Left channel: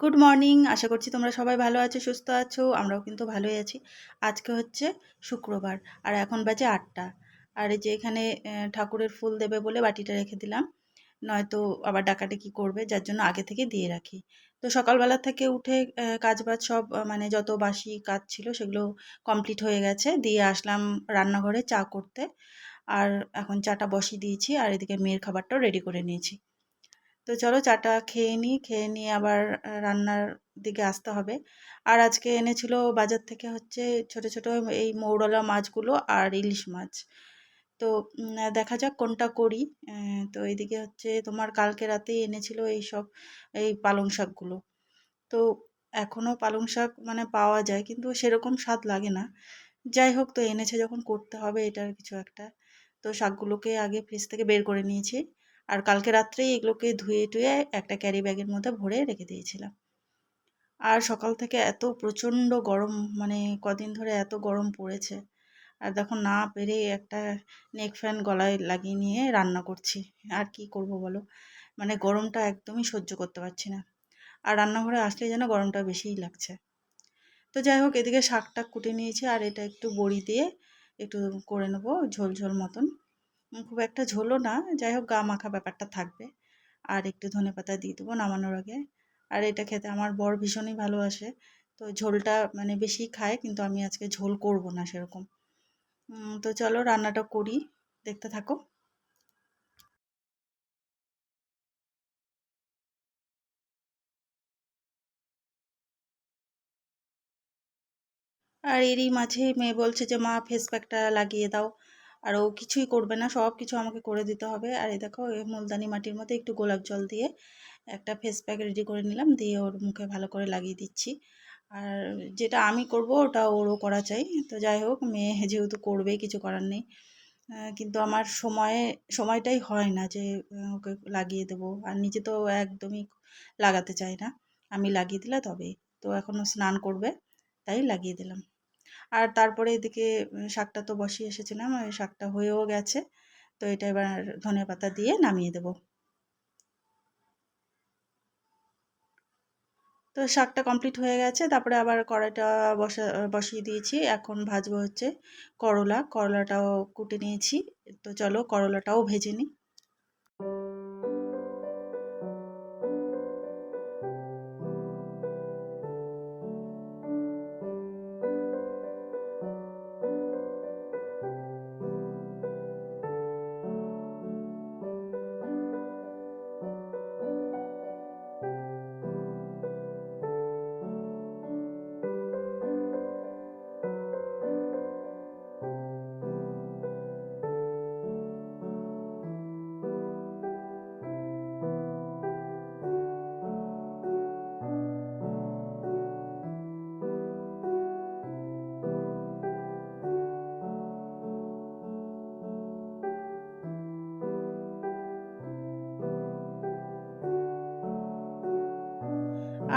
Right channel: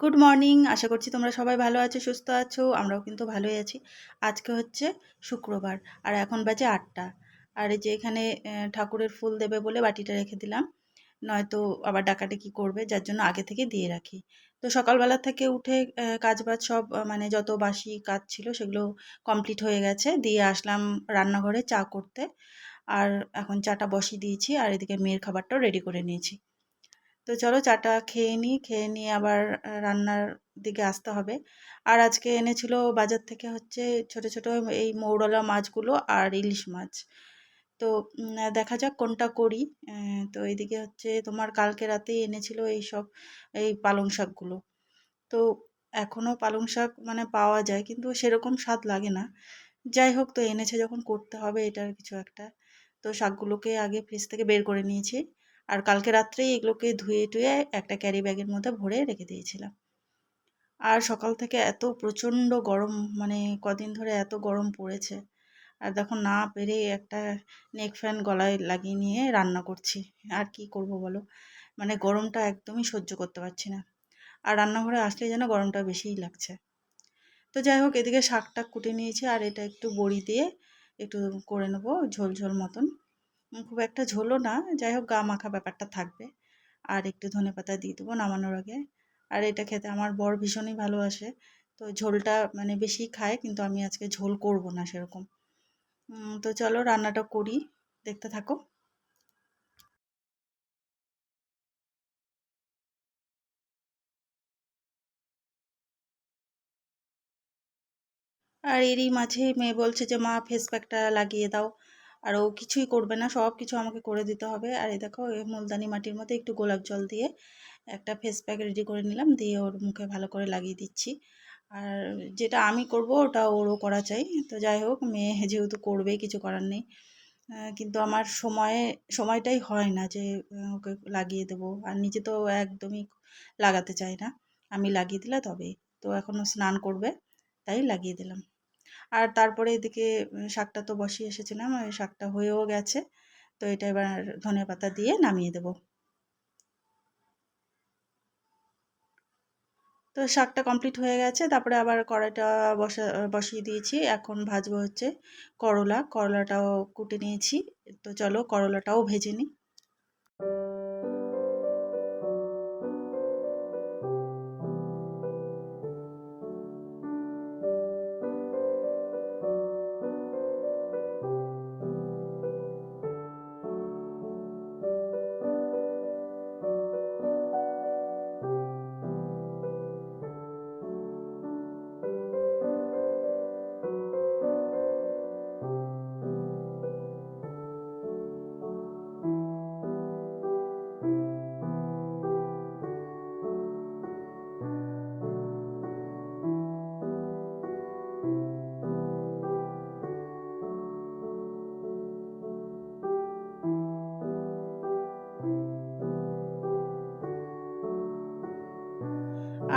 Good morning. আশা করছি তোমরা সবাই ভালো আছো, সুস্থ আছো। আমরাও কিন্তু ভালোই আছি। আজকে হচ্ছে শুক্রবার আর এখন বাজে ৮টা। আর এই যে এখানে ঠাকুরের ফুল দেবে বলে বাটিটা রেখে দিলাম, নয়তো আবার ডাকাডাকি করবে, যার জন্য আগে থেকে দিয়ে রাখি। তো সকালবেলা থেকে উঠে কাজবাজ সব মানে যত বাসি কাজ ছিল সেগুলো কমপ্লিট হয়ে গেছে। দিয়ে আসলাম রান্নাঘরে চা করতে। আর এখন চাটা বসিয়ে দিয়েছি আর এদিকে মেয়ের খাবারটাও রেডি করে নিয়েছি। তো চলো চাটা খেয়ে নিই, খেয়ে নিয়ে আবার রান্নার দিকে আসতে হবে। আর আজকে এনেছিল বাজার থেকে হচ্ছে ছোট ছোট এই মৌরলা মাছগুলো আর ইলিশ মাছ। তো দেখা যাক কোনটা করি। তো এইদিকে হচ্ছে তোমার কালকে রাতেই এনেছিল এইসব এই পালং শাকগুলো। তো এখনও পালং শাক মানে পাওয়া যায় কিন্তু সেরকম স্বাদ লাগে না। যাই হোক, তো এনেছে যখন করতে হবে এটার কিছু একটা। তো শাকগুলোকে আগে ফ্রিজ থেকে বের করে নিয়েছি। আর কালকে রাত্রেই এগুলোকে ধুয়ে টুয়ে একটা ক্যারি ব্যাগের মধ্যে ভরে রেখে দিয়েছিলাম। আর সকাল থেকে এত প্রচণ্ড গরম, মানে কদিন ধরে এত গরম পড়েছে। আর দেখো না পেরে একটা নেক ফ্যান গলায় লাগিয়ে নিয়ে রান্না করছি। আর কি করব বলো, মানে গরমটা একদমই সহ্য করতে পারছি না। আর রান্নাঘরে আসলে যেন গরমটা বেশিই লাগছে। তো যাই হোক, এদিকে শাকটা কুটে নিয়েছি আর এটা একটু বড়ি দিয়ে একটু করে নেবো ঝোল ঝোল মতন। খুব একটা ঝোলও না, যাই হোক গা মাখা ব্যাপারটা থাকবে। আর একটু ধনেপাতা দিয়ে দেবো নামানোর আগে। আর এটা খেতে আমার বর ভীষণই ভালোবাসে। তো ঝোলটা মানে বেশি খায়, কিন্তু আমি আজকে ঝোল করব না সেরকম। তো চলো রান্নাটা করি, দেখতে থাকো। আর এরই মাঝে মেয়ে বলছে যে মা ফেস প্যাকটা লাগিয়ে দাও। আর ও কিছুই করবে না, সব কিছু আমাকে করে দিতে হবে। আর এই দেখো এই মুলতানি মাটির মধ্যে একটু গোলাপ জল দিয়ে একটা ফেস প্যাক রেডি করে নিলাম, দিয়ে ওর মুখে ভালো করে লাগিয়ে দিচ্ছি। আর যেটা আমি করব ওটা ওরও করা চাই। তো যাই হোক, মেয়ে যেহেতু করবেই, কিছু করার নেই। কিন্তু আমার সময়টাই হয় না যে ওকে লাগিয়ে দেবো। আর নিজে তো একদমই লাগাতে চাই না, আমি লাগিয়ে দিলে তবেই। তো এখনও স্নান করবে, তাই লাগিয়ে দিলাম। আর তারপরে এদিকে শাকটা তো বসিয়ে এসেছিলাম, ওই শাকটা হয়েও গেছে। তো এটা এবার ধনেপাতা দিয়ে নামিয়ে দেবো। তো শাকটা কমপ্লিট হয়ে গেছে, তারপরে আবার কড়াইটা বসিয়ে দিয়েছি। এখন ভাজবো হচ্ছে করলাটাও কুটে নিয়েছি। তো চলো করলাটাও ভেজে নিই।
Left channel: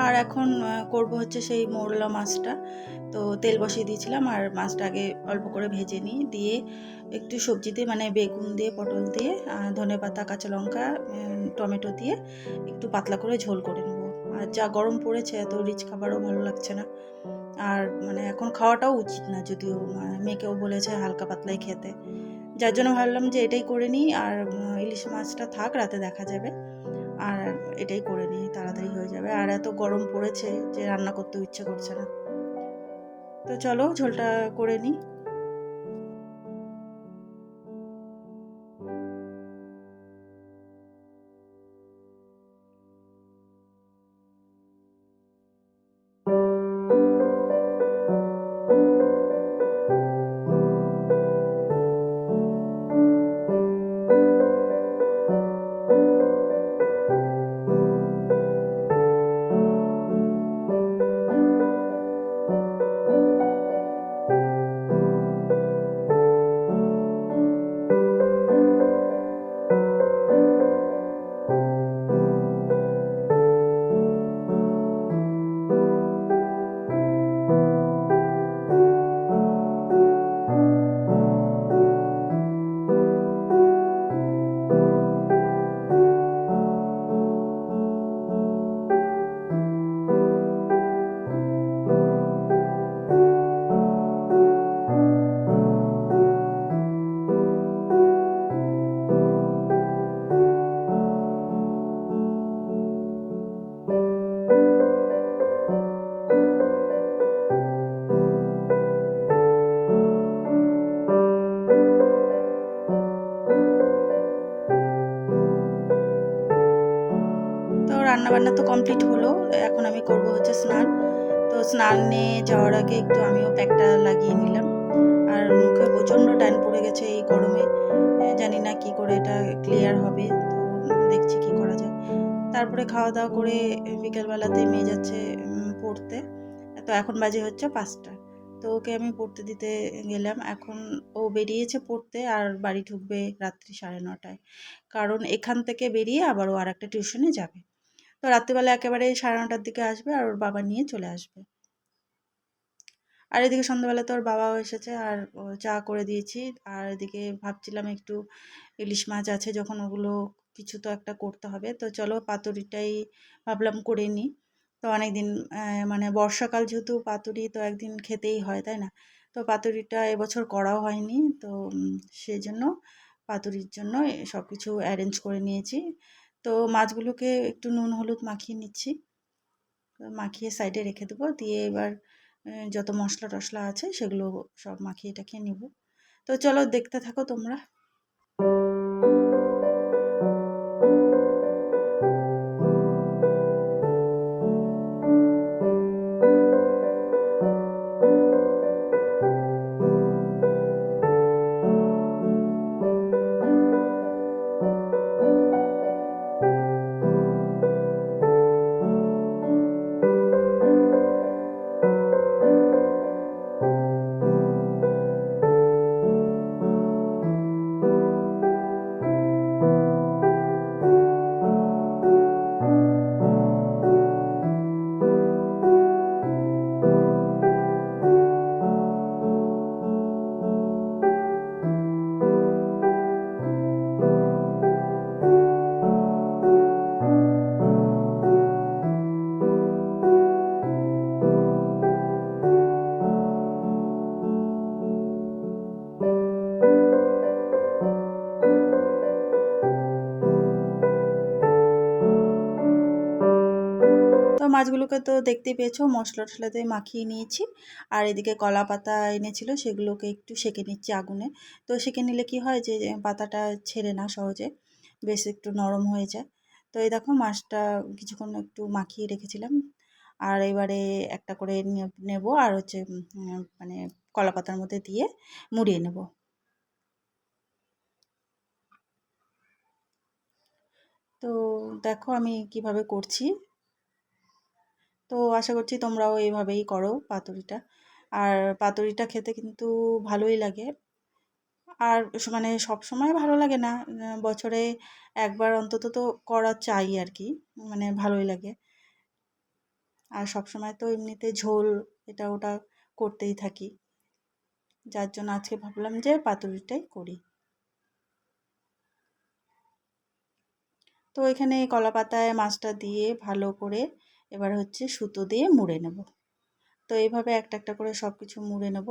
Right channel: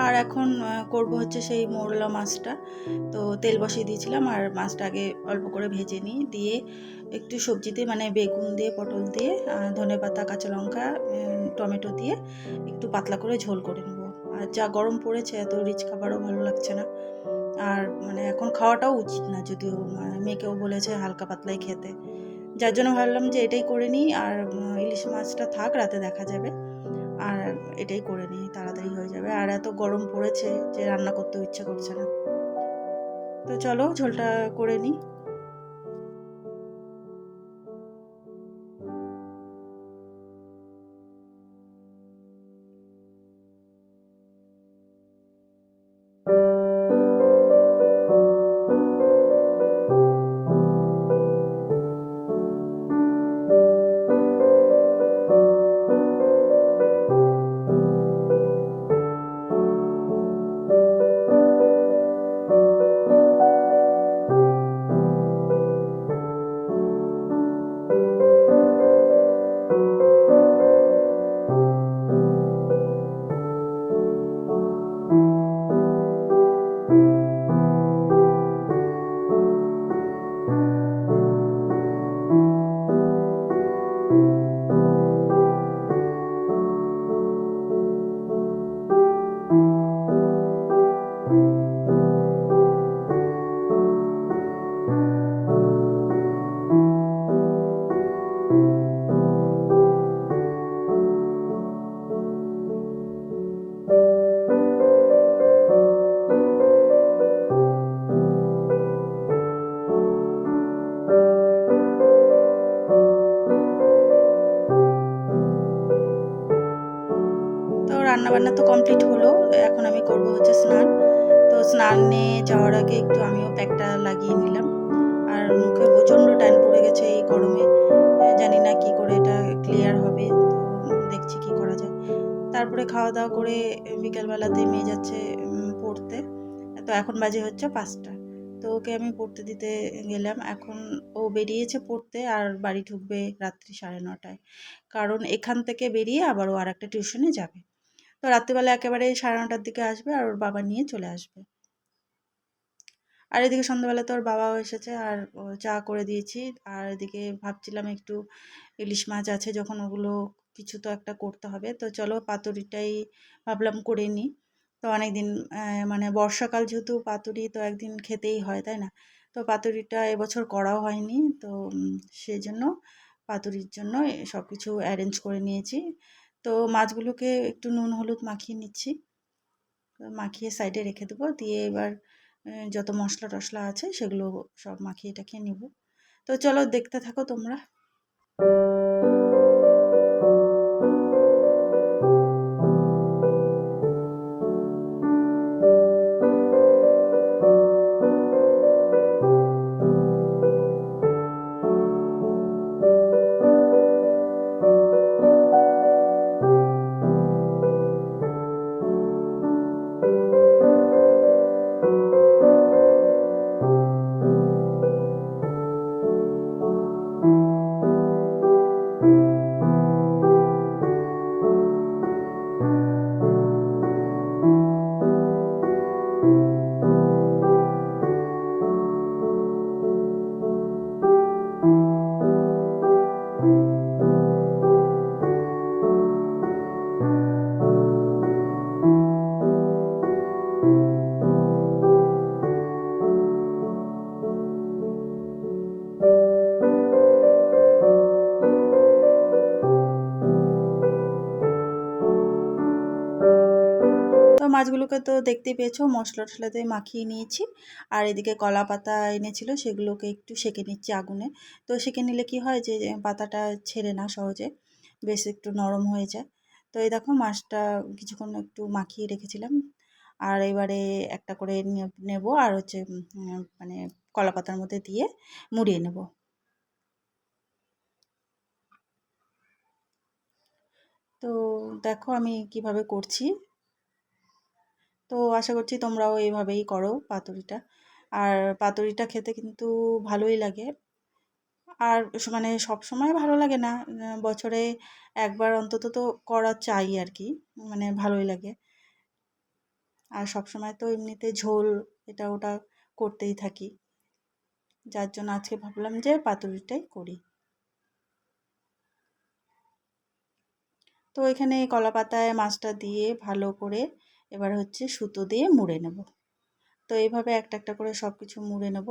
আর এখন করব হচ্ছে সেই মৌরলা মাছটা। তো তেল বসিয়ে দিয়েছিলাম আর মাছটা আগে অল্প করে ভেজে নিই, দিয়ে একটু সবজিতে মানে বেগুন দিয়ে পটল দিয়ে ধনেপাতা কাঁচা লঙ্কা টমেটো দিয়ে একটু পাতলা করে ঝোল করে নেবো। আর যা গরম পড়েছে এত রিচ খাবারও ভালো লাগছে না। আর মানে এখন খাওয়াটাও উচিত না, যদিও মেয়েকেও বলেছে হালকা পাতলাই খেতে। যার জন্য ভাবলাম যে এটাই করে নিই। আর ইলিশ মাছটা থাক, রাতে দেখা যাবে। আর এটাই করে নিই, তাড়াতাড়ি হয়ে যাবে। আর এত গরম পড়েছে যে রান্না করতেও ইচ্ছে করছে না। তো চলো ঝোলটা করে নিই। রান্নাবান্না তো কমপ্লিট হলো, এখন আমি করব হচ্ছে স্নান। তো স্নানে যাওয়ার আগে একটু আমিও প্যাকটা লাগিয়ে নিলাম। আর মুখে প্রচণ্ড ট্যান পড়ে গেছে এই গরমে, জানি না কি করে এটা ক্লিয়ার হবে। তো দেখছি কি করা যায়। তারপরে খাওয়া দাওয়া করে বিকেলবেলাতে মেয়ে যাচ্ছে পড়তে। তো এখন বাজে হচ্ছে 5টা। তো ওকে আমি পড়তে দিতে গেলাম। এখন ও বেরিয়েছে পড়তে, আর বাড়ি ঢুকবে রাত্রি 9:30টায়। কারণ এখান থেকে বেরিয়ে আবার ও আরেকটা টিউশনে যাবে। তো রাত্রিবেলা একেবারে 9:30টার দিকে আসবে, আর ওর বাবা নিয়ে চলে আসবে। আর এদিকে সন্ধ্যাবেলা তো ওর বাবাও এসেছে, আর চা করে দিয়েছি। আর এদিকে ভাবছিলাম একটু ইলিশ মাছ আছে যখন, ওগুলো কিছু তো একটা করতে হবে। তো চলো পাতুরিটাই ভাবলাম করে নিই। তো অনেকদিন মানে বর্ষাকাল যেহেতু, পাতুরি তো একদিন খেতেই হয়, তাই না? তো পাতুরিটা এবছর করাও হয়নি। তো সেজন্য পাতুরির জন্য সব কিছু অ্যারেঞ্জ করে নিয়েছি। তো মাছগুলোকে একটু নুন হলুদ মাখিয়ে নিচ্ছি। মাখিয়ে সাইডে রেখে দেবো। দিয়ে এবার যত মশলা টশলা আছে সেগুলো সব মাখিয়ে টাখিয়ে নিব। তো চলো দেখতে থাকো তোমরা। তো মাছগুলোকে তো দেখতেই পেয়েছো, মশলা টশলা দিয়ে মাখিয়ে নিয়েছি। আর এদিকে কলা পাতা এনেছিল, সেগুলোকে একটু সেঁকে নিচ্ছি আগুনে। তো সেঁকে নিলে কি হয় যে পাতাটা ছেড়ে না সহজে, বেশ একটু নরম হয়ে যায়। তো এই দেখো মাছটা কিছুক্ষণ একটু মাখিয়ে রেখেছিলাম। আর এবারে একটা করে নেব, আর হচ্ছে মানে কলা পাতার মধ্যে দিয়ে মুড়িয়ে নেব। তো দেখো আমি কিভাবে করছি। তো আশা করছি তোমরাও এইভাবেই করো পাতুরিটা। আর পাতুরিটা খেতে কিন্তু ভালোই লাগে। আর মানে সবসময় ভালো লাগে না, বছরে একবার অন্তত তো করা চাই আর কি, মানে ভালোই লাগে। আর সবসময় তো এমনিতে ঝোল এটা ওটা করতেই থাকি, যার জন্য আজকে ভাবলাম যে পাতুরিটাই করি। তো এখানে কলা পাতায় মাছটা দিয়ে ভালো করে এবার হচ্ছে সুতো দিয়ে মুড়ে নেব। তো এইভাবে একটা একটা করে সব কিছু মুড়ে নেব।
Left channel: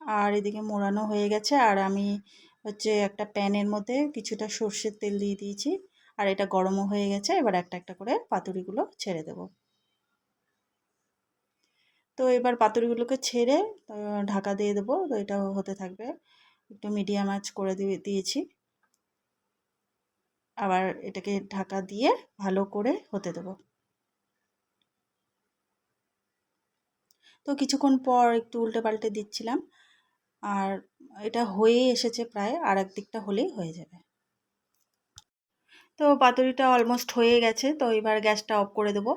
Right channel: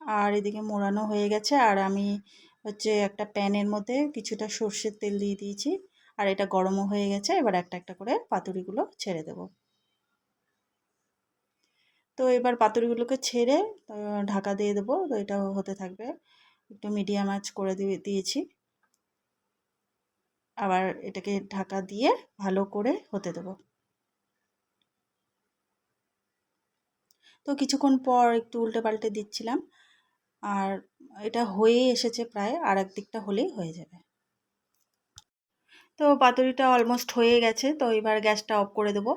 আর এদিকে মোড়ানো হয়ে গেছে, আর আমি হচ্ছে একটা প্যানের মধ্যে কিছুটা সর্ষের তেল দিয়ে দিয়েছি। আর এটা গরমও হয়ে গেছে, এবার একটা একটা করে পাতুরিগুলো ছেড়ে দেব। তো এবার পাতুরিগুলোকে ছেড়ে ঢাকা দিয়ে দেবো। তো এটা হতে থাকবে, একটু মিডিয়াম আঁচ করে দিয়েছি। আবার এটাকে ঢাকা দিয়ে ভালো করে হতে দেবো। তো কিছুক্ষণ পর একটু উল্টে পাল্টে দিচ্ছিলাম। আর এটা হয়ে এসেছে প্রায়, আর এক দিকটা হলেই হয়ে যাবে। তো পাতুরিটা অলমোস্ট হয়ে গেছে। তো এবার গ্যাসটা অফ করে দেবো।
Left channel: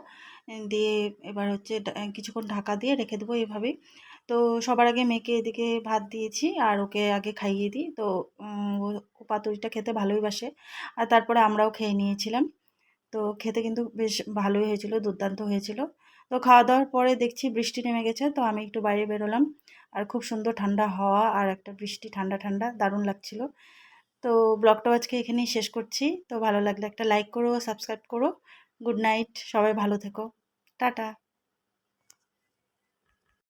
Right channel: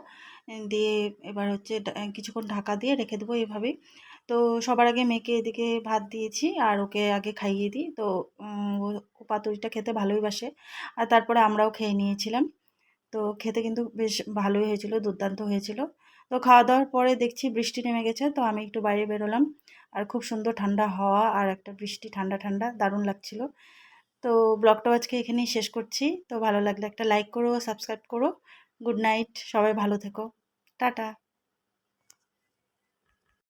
দিয়ে এবার হচ্ছে কিছুক্ষণ ঢাকা দিয়ে রেখে দেবো এভাবেই। তো সবার আগে মেয়েকে এদিকে ভাত দিয়েছি, আর ওকে আগে খাইয়ে দিই। তো ও পাতুরিটা খেতে ভালোই বাসে। আর তারপরে আমরাও খেয়ে নিয়েছিলাম। তো খেতে কিন্তু বেশ ভালোই হয়েছিল, দুর্দান্ত হয়েছিল। তো খাওয়া দাওয়ার পরে দেখছি বৃষ্টি নেমে গেছে, তো আমি একটু বাইরে বেরোলাম। আর খুব সুন্দর ঠান্ডা হাওয়া, আর একটা বৃষ্টি ঠান্ডা ঠান্ডা দারুণ লাগছিল। তো ব্লগটাও আজকে এখানেই শেষ করছি। তো ভালো লাগলে একটা লাইক করো, সাবস্ক্রাইব করো। গুড নাইট, সবাই ভালো থেকো। টাটা।